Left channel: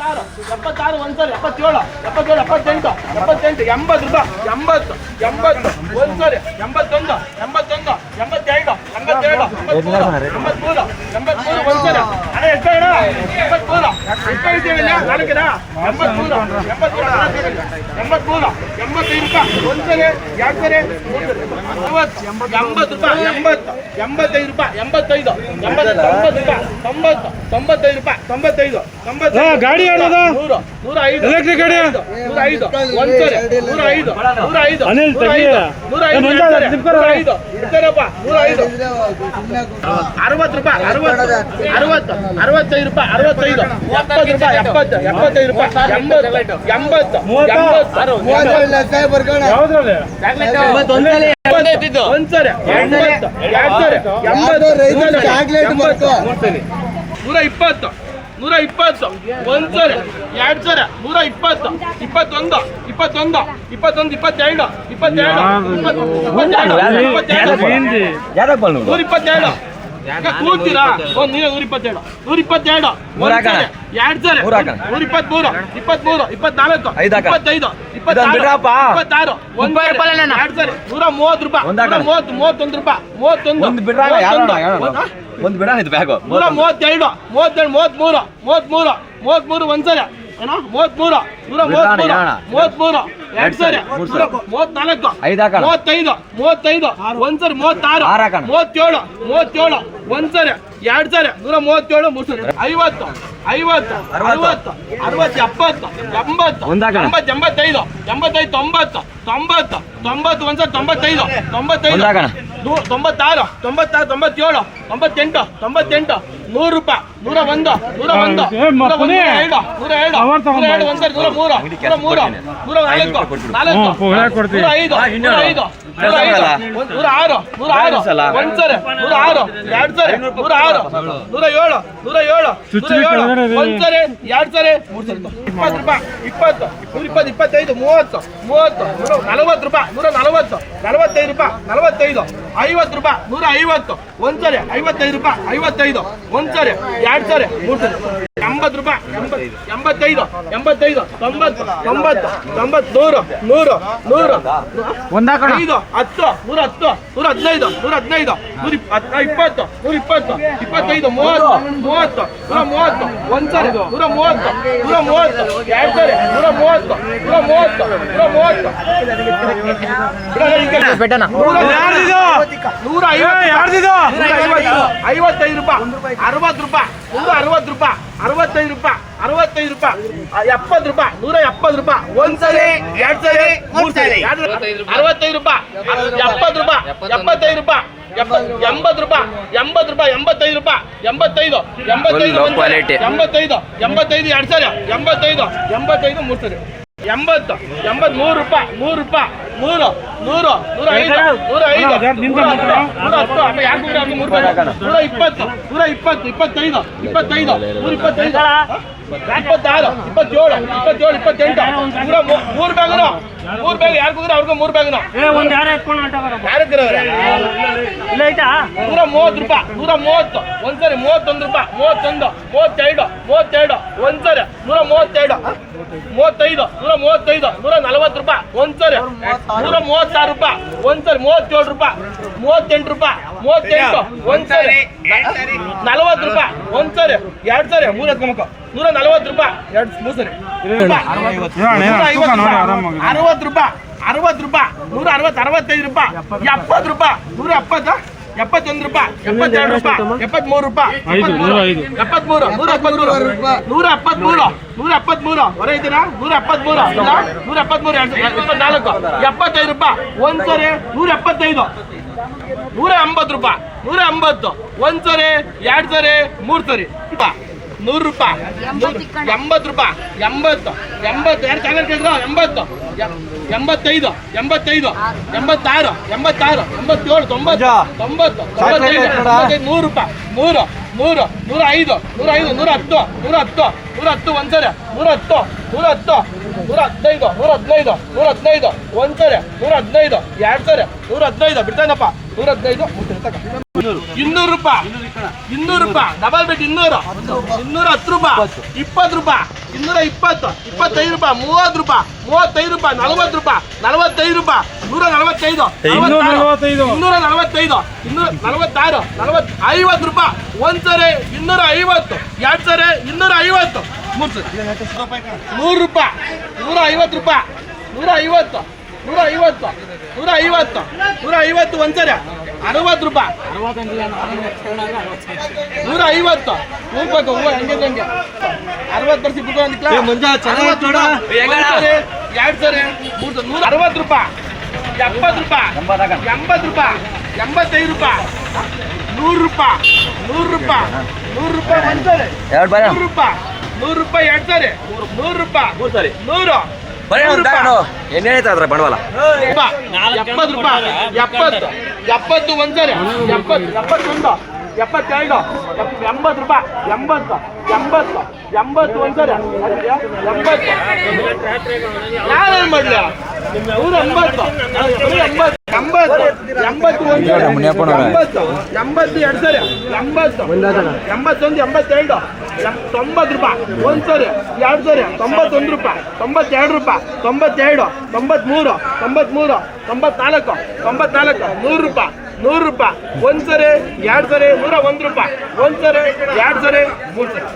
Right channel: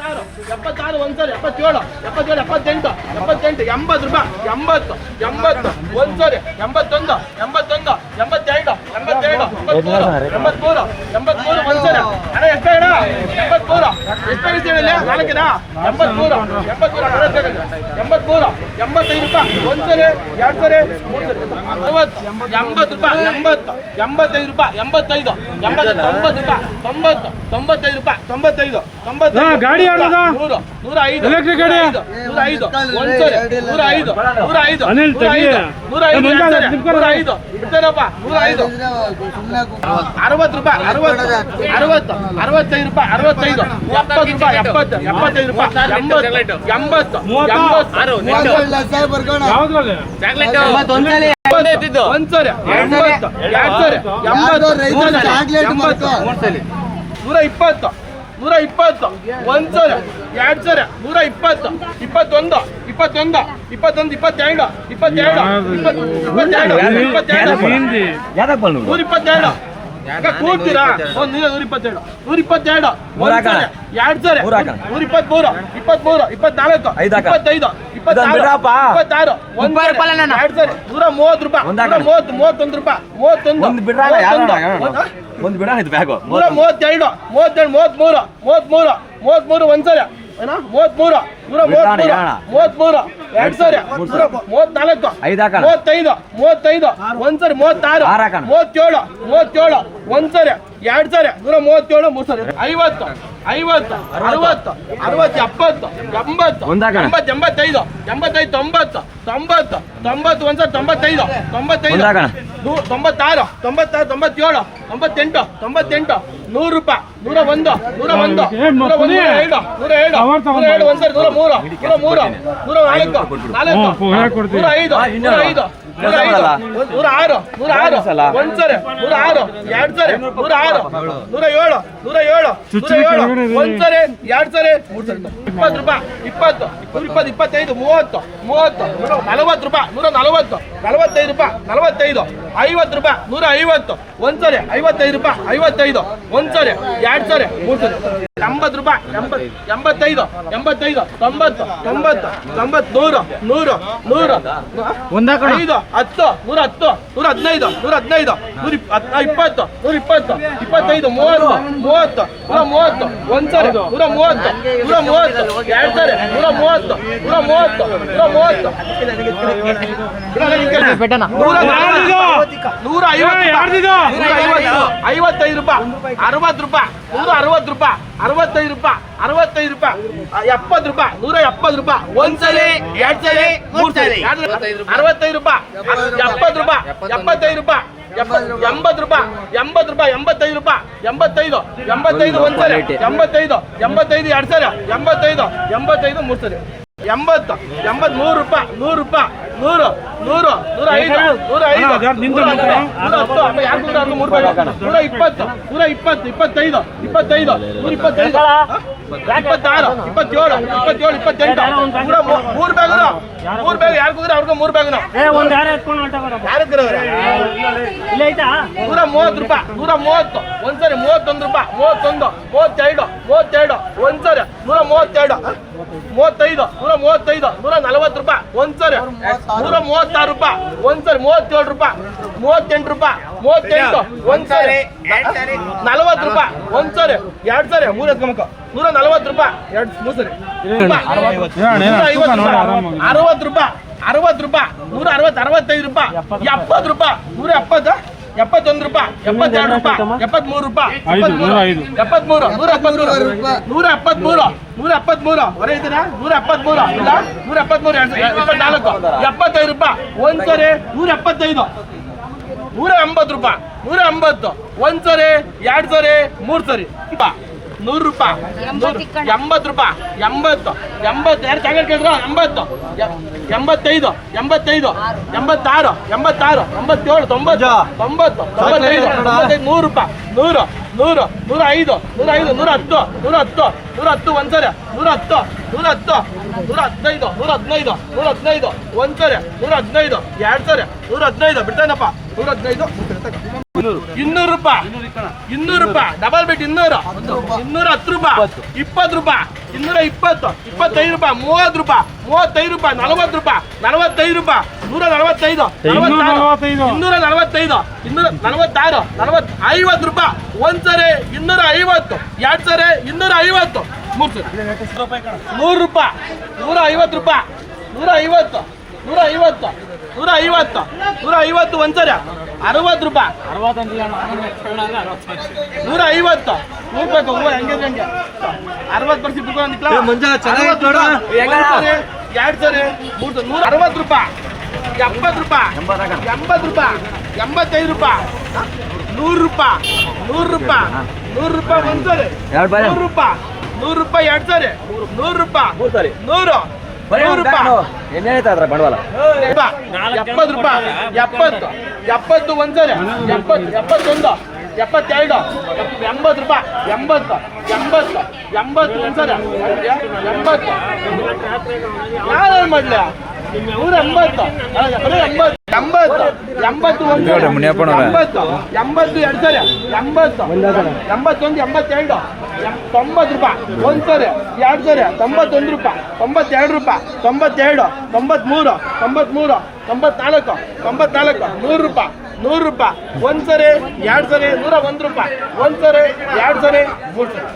76 ಒಂದ್ಸರಿ 77 77 78 78 80 ರೂಪಾಯಿ 80 80 ಒಂದ್ಸರಿ 81 81 82 82 83 83 ಒಂದ್ಸರಿ ಅಣ್ಣ ಎಷ್ಟು ಅಣ್ಣ 83 ಎಷ್ಟು ಇದ್ದೀವಿ ನಾಲ್ಕಿನ 83 83 85 ರೂಪಾಯಿ ಒಂದ್ಸರಿ ಎರಡು ಸರಿ 80 ರೂಪಾಯಿ 80 85 ರೂಪಾಯಿ 85 90 ರೂಪಾಯಿ 90 95 ರೂಪಾಯಿ 95 90 ಗಾಡಿ ಆಡೋದು 100 105 ಎಲೆಕ್ಟ್ರಿಕ್ ಗಾಡಿ 105 ಒಂದ್ಸರಿ 105 105 ಅನಿಲ್ ತೆಗಿ 105 ಇರ್ತೇನಪ್ಪ 105 60 ರೂಪಾಯಿ 60 65 ರೂಪಾಯಿ 65 70 ರೂಪಾಯಿ 70 75 ರೂಪಾಯಿ 80 80 ಯಾವ್ದ್ರಲ್ಲಿ ಒಂದ್ಸರಿ 80 120 120 ಒಂದ್ಸರಿ ಎರಡು ಸರಿ 120 21 22 22 127 ಕೂರ್ತೀರಾ 127 122 ಎರಡು ಸರಿ 123 23 24 25 26 ಎರಡು ಸರಿ 130 ರೂಪಾಯಿ 31 ರೂಪಾಯಿ 31 ಒಂದು ಬಿಡ ಇದು ಬ್ಯಾಗ್ 132 33 33 33 ಒಂದ್ಸರಿ ಏನೋ 33 133 ಎರಡು ಸರಿ 34 35 35 ಒಂದ್ಸರಿ 36 37 ಒಂದ್ಸರಿ ಎರಡು ಸರಿ 137 ಮೂರು ಸರಿ 50 50 60 70 80 85 90 90 ಒಂದ್ಸರಿ 95 96 97 98 100 ರೂಪಾಯಿ 101 101 ಒಂದ್ಸರಿ 103 104 ಒಂದ್ಸರಿ 106 ಎರಡು ಸರಿ 106 107 ಒಂದ್ಸರಿ ಎರಡು ಸರಿ 20 ರೂಪಾಯಿ 20 120 25 30 40 ರೂಪಾಯಿ 140 45 ರೂಪಾಯಿ 45 50 ರೂಪಾಯಿ 150 ಒಂದ್ಸರಿ 55 ರೂಪಾಯಿ 55 ಒಂದ್ಸರಿ ಎರಡು ಸರಿ ಮೂರು ಸರಿ 80 ರೂಪಾಯಿ 85 90 100 100 100 10 110 115 115 120 120 25 30 ಒಂದ್ಸರಿ 130 ಎರಡು ಸರಿ 55 ರೂಪಾಯಿ 60 ರೂಪಾಯಿ 160 ರೂಪಾಯಿ 65 ರೂಪಾಯಿ 65 ರೂಪಾಯಿ 70 ರೂಪಾಯಿ 170 ರೂಪಾಯಿ ಒಂದ್ಸರಿ ಎರಡು ಸರಿ ಮೂರು ಸರಿ 65 ರೂಪಾಯಿ 70 ರೂಪಾಯಿ 75 ರೂಪಾಯಿ 80 ರೂಪಾಯಿ 80 ರೂಪಾಯಿ 85 ರೂಪಾಯಿ 85 ಒಂದ್ಸರಿ 85 ಎರಡು ಸರಿ 85 ಮೂರು ಸರಿ 80 83 ರೂಪಾಯಿ 100 ರೂಪಾಯಿ 100 105 110 25 26 27 28 ಮೂರು ಬ್ಯಾಗ್ ಯಾರು ಕೂದ್ರೆ ಅವ್ರಿಗೂ 3 ಬ್ಯಾಗ್ 130 ರೂಪಾಯಿ 130 ಒಂದ್ಸರಿ 31 ರೂಪಾಯಿ 32 ಒಂದ್ಸರಿ 132 35 140 ರೂಪಾಯಿ ಒಂದ್ಸರಿ 136 ರೂಪಾಯಿ ಒಂದ್ಸರಿ 37 ರೂಪಾಯಿ 38 ರೂಪಾಯಿ 38 ಒಂದ್ಸರಿ 40 ರೂಪಾಯಿ ಒಂದ್ಸರಿ ಎರಡು ಸರಿ 3 ಎತ್ಕೊಂಬೇಕು 140 ರೂಪಾಯಿ ಮೂರು ಸರಿ 60 ರೂಪಾಯಿ 60 ರೂಪಾಯಿ 165 ರೂಪಾಯಿ 70 ರೂಪಾಯಿ 170 71 ರೂಪಾಯಿ 72 ರೂಪಾಯಿ 73 ರೂಪಾಯಿ 73 173 ಹೊರ ಇದ್ದೀರಾ 173 173 75 ರೂಪಾಯಿ ಒಂದ್ಸರಿ 175 180 ರೂಪಾಯಿ 180 ಒಂದ್ಸರಿ ಎರಡು ಸರಿ ಮೂರು ಸರಿ 100 ರೂಪಾಯಿ 80 ರೂಪಾಯಿ 80 ಎರಡು ಚಾನಲ್ ಕೇಳಿದ್ರು 80 85 86 87 90 95 100 ರೂಪಾಯಿ 100 105 110 ಒಂದ್ಸರಿ 110 115 ಒಂದ್ಸರಿ 115 ಎರಡು ಸರಿ 115 ಬಿಡ್ತಾನಪ್ಪ 115 200 ರೂಪಾಯಿ 200 ರೂಪಾಯಿ ಡಬಲ್ ಬಿಟ್ 200 210 ರೂಪಾಯಿ 20 ರೂಪಾಯಿ 220 25 ರೂಪಾಯಿ 30 ರೂಪಾಯಿ 35 ರೂಪಾಯಿ 40 ರೂಪಾಯಿ 45 ರೂಪಾಯಿ 145 245 246 50 ರೂಪಾಯಿ ಒಂದ್ಸರಿ 250 ಎರಡು ಸರಿ 250 ಮೂರು ಸರಿ 100 ರೂಪಾಯಿ 150 ರೂಪಾಯಿ 150 150 150 ಒಂದ್ಸರಿ 60 ರೂಪಾಯಿ 150 ಹೋಗ್ಬೇಕು ಹೂವು ಹಂಗಿದ್ರೆ ಹಂಗೆ 60% ಬಿಟ್ಟು ಅಂದಿಲ್ಲ 2 ಸರಿ 160 ರೂಪಾಯಿ 70 ರೂಪಾಯಿ 80 ರೂಪಾಯಿ 85 ರೂಪಾಯಿ 100 ರೂಪಾಯಿ 100 ರೂಪಾಯಿ 100 ರೂಪಾಯಿ ಒಂದ್ಸರಿ 100 ರೂಪಾಯಿ 100 ರೂಪಾಯಿ ಎರಡು ಸರಿ 100 ರೂಪಾಯಿ 100 ರೂಪಾಯಿ ಏನ್ ಹೇಳ್ತಾ ಇದ್ರ ಬಂಡವಾಳ 70 ರೂಪಾಯಿ 70 ಒಂದ್ಸರಿ 71 72 80 ರೂಪಾಯಿ 80 ಒಂದ್ಸರಿ 80 ಯಾರೇನ್ ಮಾಡ್ಲಿ 180 80 ಒಂದ್ಸರಿ 80 ಎರಡು ಸರಿ 80 81 82 90 ರೂಪಾಯಿ ಒಂದ್ಸರಿ ಎರಡು ಸರಿ 91 ರೂಪಾಯಿ 92 ರೂಪಾಯಿ 92 93 94 100 ರೂಪಾಯಿ 100 ರೂಪಾಯಿ ಒಂದ್ಸರಿ ಎರಡು ಸರಿ 101 ರೂಪಾಯಿ ಒಂದ್ಸರಿ ಎರಡು ಸರಿ 3 ಸರಿ